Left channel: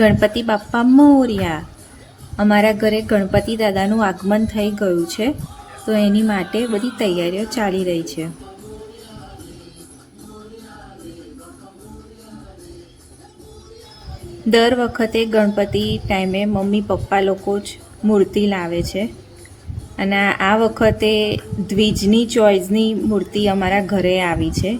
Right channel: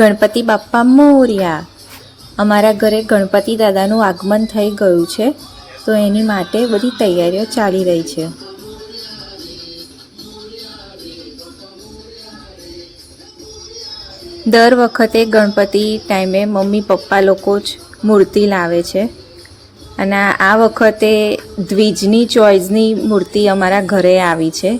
ગણપતિ બાપ્પા મોર્યા. અમારા ઘરે ગણપતિ દાદાનું આગમન થઈ ગયું છે, તો એની માટે બધી તૈયારીઓ ચાલી રહી છે. દર વખતે ગણપતિ ટાઈમે મમ્મી પપ્પા લોકો જ મૂર્તિ લાવે છે, અને આ વખતે દ્વિજની ચોઈસની મૂર્તિ અમારા ઘરે આવી છે.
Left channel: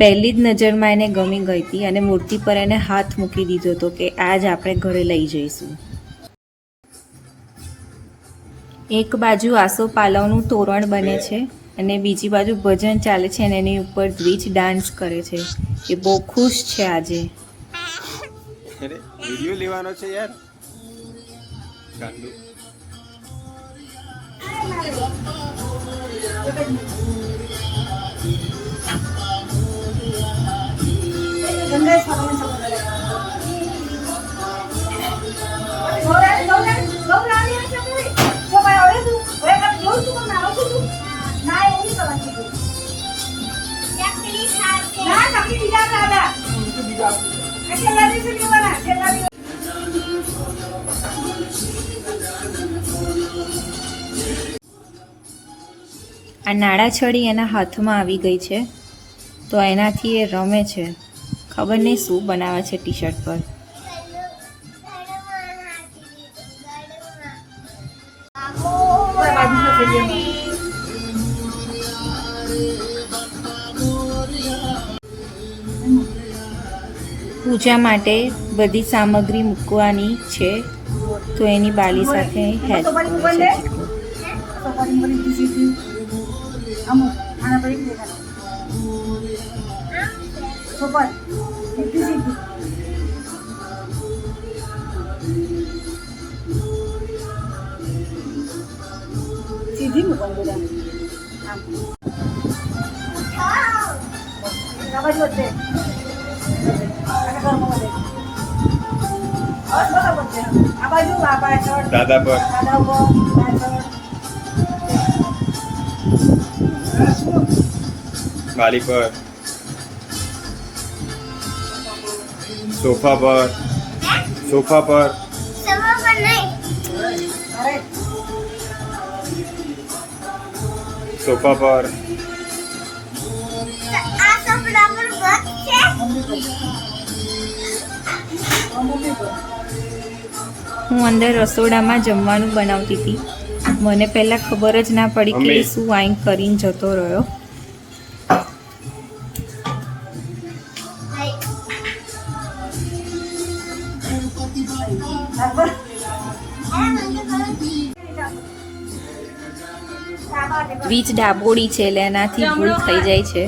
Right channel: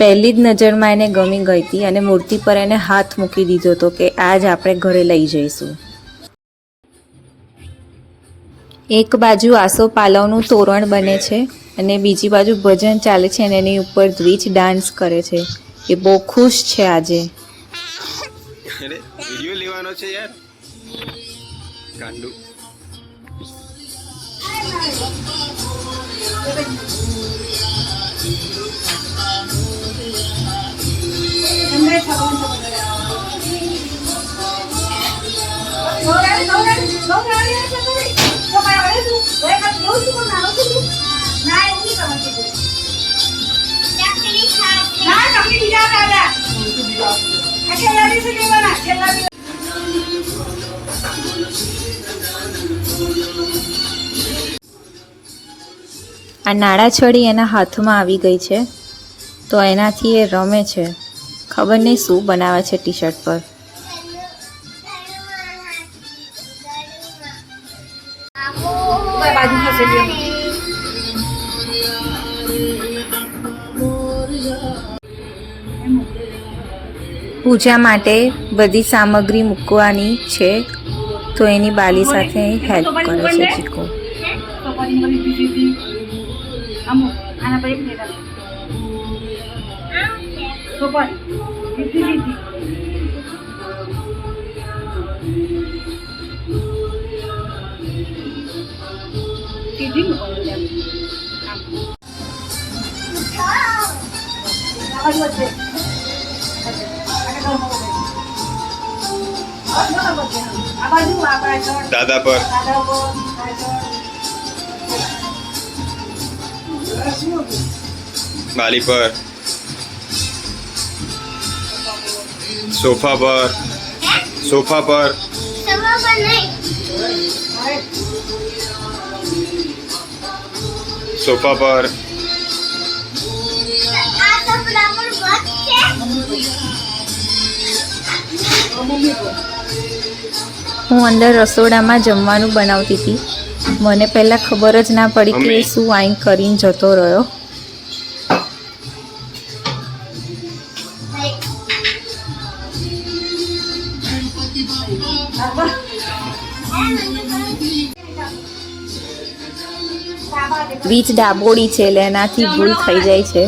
પહેલી જ નજરમાં એને ગમી ગઈ હતી અને મૂર્તિ પર એને હાથ મૂકી દીધો હતો કે આજ આપણે ઘરે લઈ જઈશું. એક બાજુ આસોપાલવનું તોરણ બને છે અને બીજી બાજુ ભજન ચાલે છે અને એની ઉપર દ્વિજ ડાન્સ કરે છે. એ બહુ ખુશ છે આજે. અરે વિડિયો લેવાનો છે યાર, ગાંડુ. આ નાળાછડી એના હાથમાં આવી ગઈ છે, તો એનાથી એ રમે છે. ખબર નહીં શું બનાવે છે ટી શર્ટ પર. પૂજા માટે બધી સામગ્રી મૂકવાની છે, તો એની બાલી સાથે હેલ્પ કરે છે ચીકુ. દાદા પર બાલી પર, સોફા પર, સોફા પર, સોફા પર. હું અંદર રસોડામાં જમવાનું બનાવતી હતી. મને પહેલાં ખબર જ ના પડી કે શું વાઈન કરીને જતો રહ્યો. વીજ ડાબોડી છે એટલે એનાથી ભૂલ થઈ જાય છે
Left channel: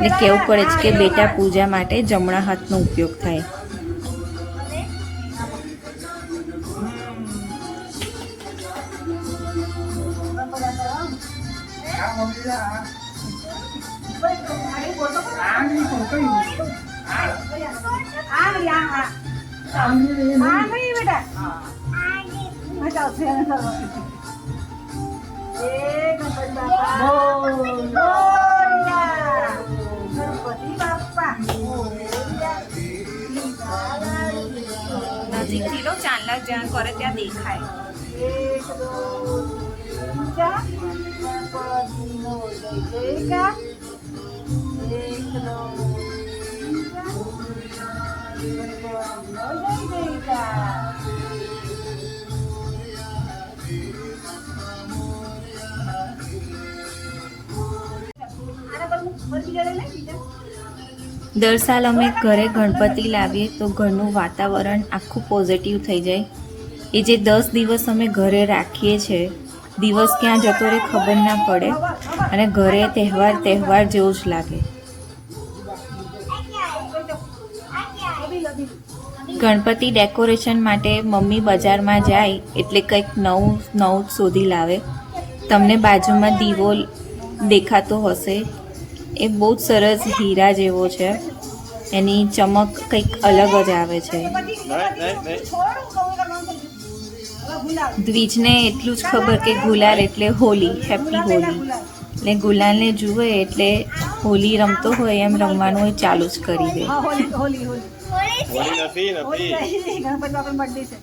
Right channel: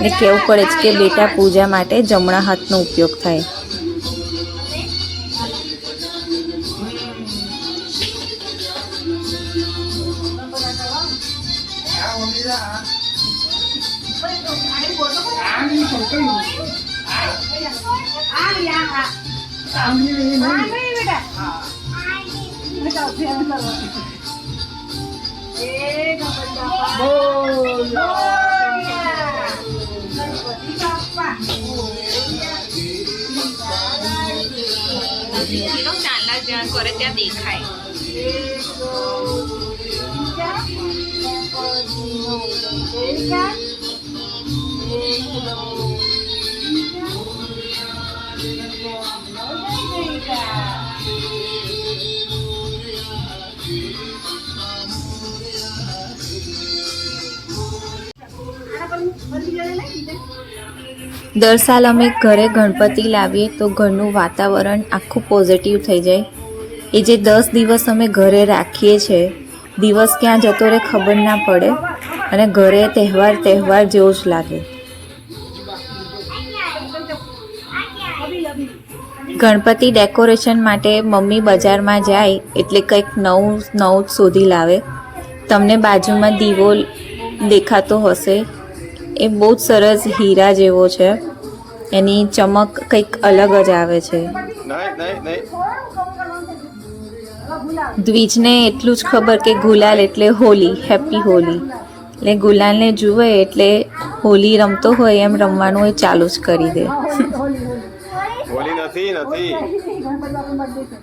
ને કહેવું પડે છે કે બેટા પૂજા માટે જમણા હાથનો ઉપયોગ થાય. ચાંદલા જ્યાં કરે ત્યાં દેખાય. દર સાલ અમે ઘરે ગણપતિ લાવીએ તો ઘરનું વાતાવરણ આખું પોઝિટિવ થઈ જાય. એ જે 10 દિવસ અમે ઘરે રાખીએ છીએ, દિવસ ક્યાં જતો રહે ખબર ના પડે અને ઘરે તહેવાર જેવું જ લાગે. ગણપતિ ડેકોરેશન માટે મમ્મી બજારમાં જાય એટલે કંઈક નવું શોધી લાવે. તમને બાજુમાં દીવો દેખાતો હશે, એ બહુ જ સરસ હીરા જેવો છે. એની ચમક કંઈક અલગ જ આવે છે. દ્વિજને એટલું જ ખબર કે ગુલાલ એટલે હોલી, હેપી હોલી. એટલે ગુલાલને જુએ એટલે હોલી રમતો હોય એમ રમવાનું એ ચાલુ જ કરી દે. હોળી નથી નથી ગણપતિ બાપાનો બર્થડે છે.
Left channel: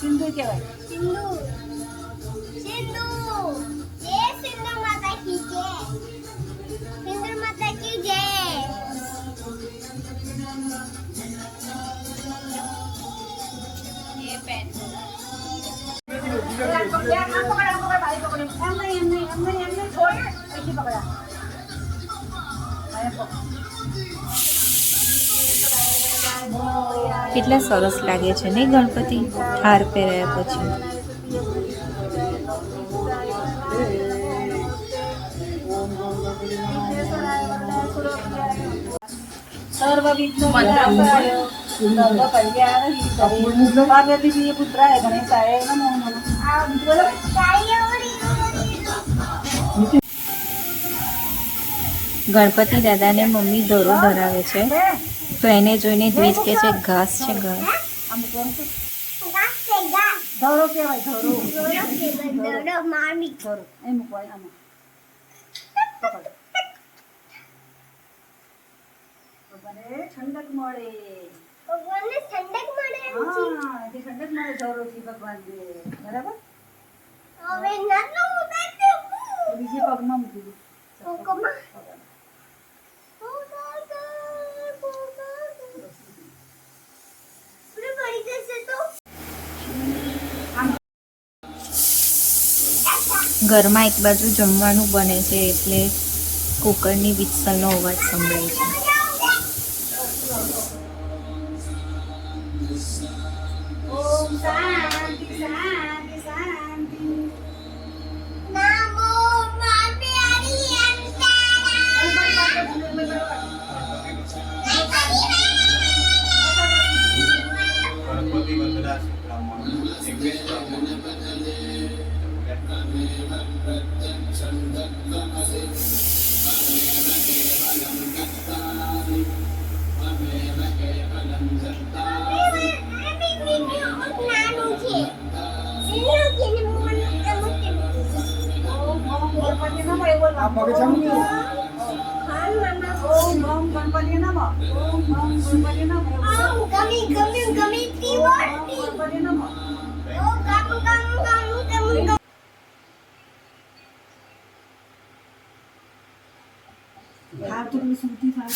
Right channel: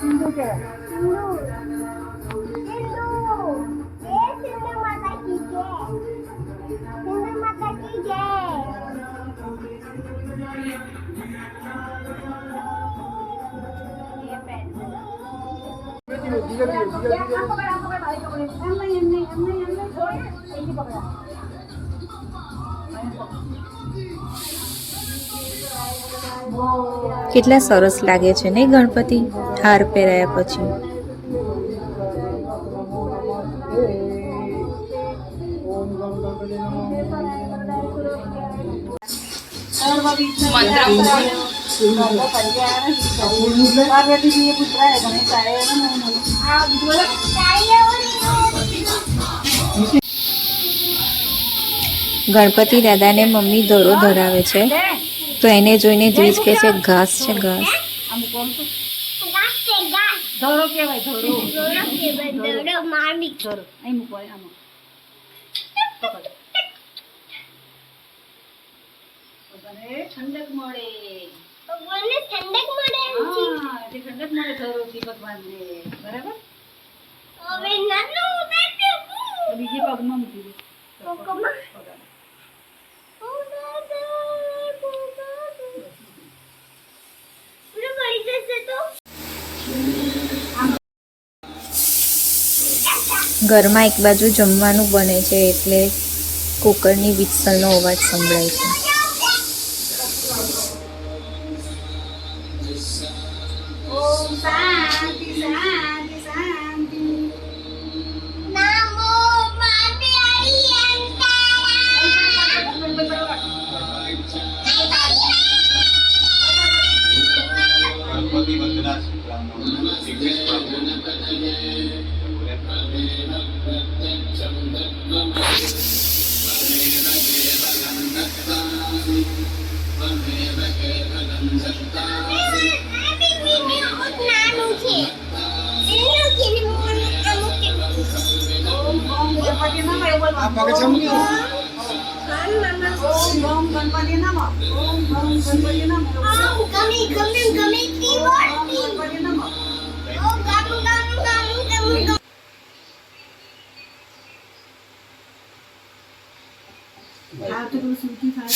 સિંધુ કહેવાય. કેટલા સરસ લાગે છે ને ગણપતિ હાર પહેરાયા પછી. પાર્વતીજી પુત્રાય ગણેશાય નમો નમઃ. ગણપતિ દાદાને મમ્મી દોરો ધરાવે છે તો એને જોઈને દ્વિજ કહે છે ઘાસ છે ઘાસ. આમ કોણ છે? ધોરો કહેવાય. ધોરો ધોરો અહીં મૂકવાય. આમાં પકડ. ભગવાને ઠંડક મળે. હા, એટલે ઠંડક મળે ધોરોથી ભગવાનને. બરાબર? તો બીજી પગમાં મૂકી દે. પગમાં. ઘરમાં એક બાજુ જમવાનું બને છે એટલે કુકરની વિસલનો અવાજ સંભળાય છે. ઓમ શાંતિ શાંતિ શાંતિ. ગણપતિ વંદના ઇંગ્લિશ આ પગ જમણી. ઓમ ઓમ ગણપતિ નમઃ. ઓમ ઓમ ગણપતિ નમઃ. ગણપતિ નમઃ. આ તો સુધી થાય છે.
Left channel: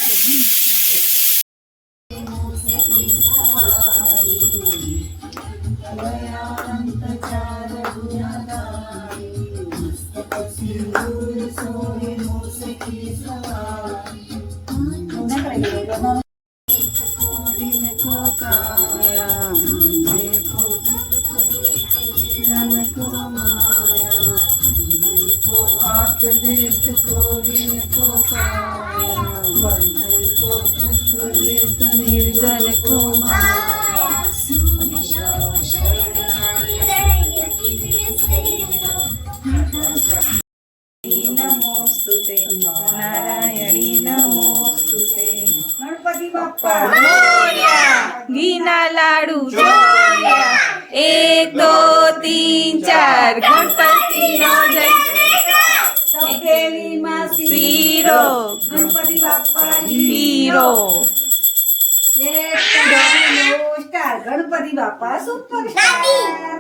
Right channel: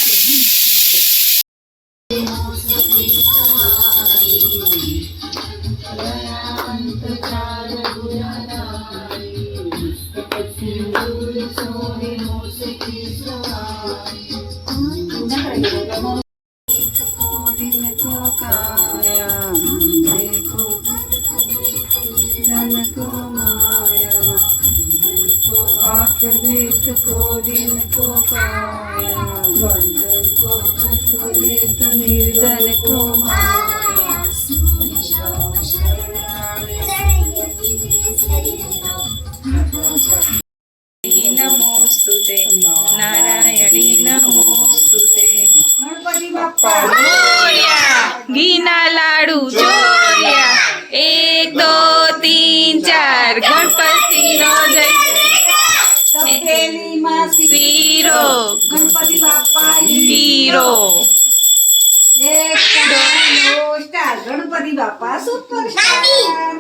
निर्धन को નમોસ્તુતે નારાયણી નમોસ્તુતે. ગણપતિ બાપા મોર્યા ઘીના લાડુ ચોર્યા 1 2 3 4 ગણપતિનો જય. તપેલીમાં શીરો ગણપતિ બાપા પીરો. ગણપતિ બાપા સુપરસ્ટાર.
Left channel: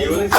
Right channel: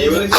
એવું નહીં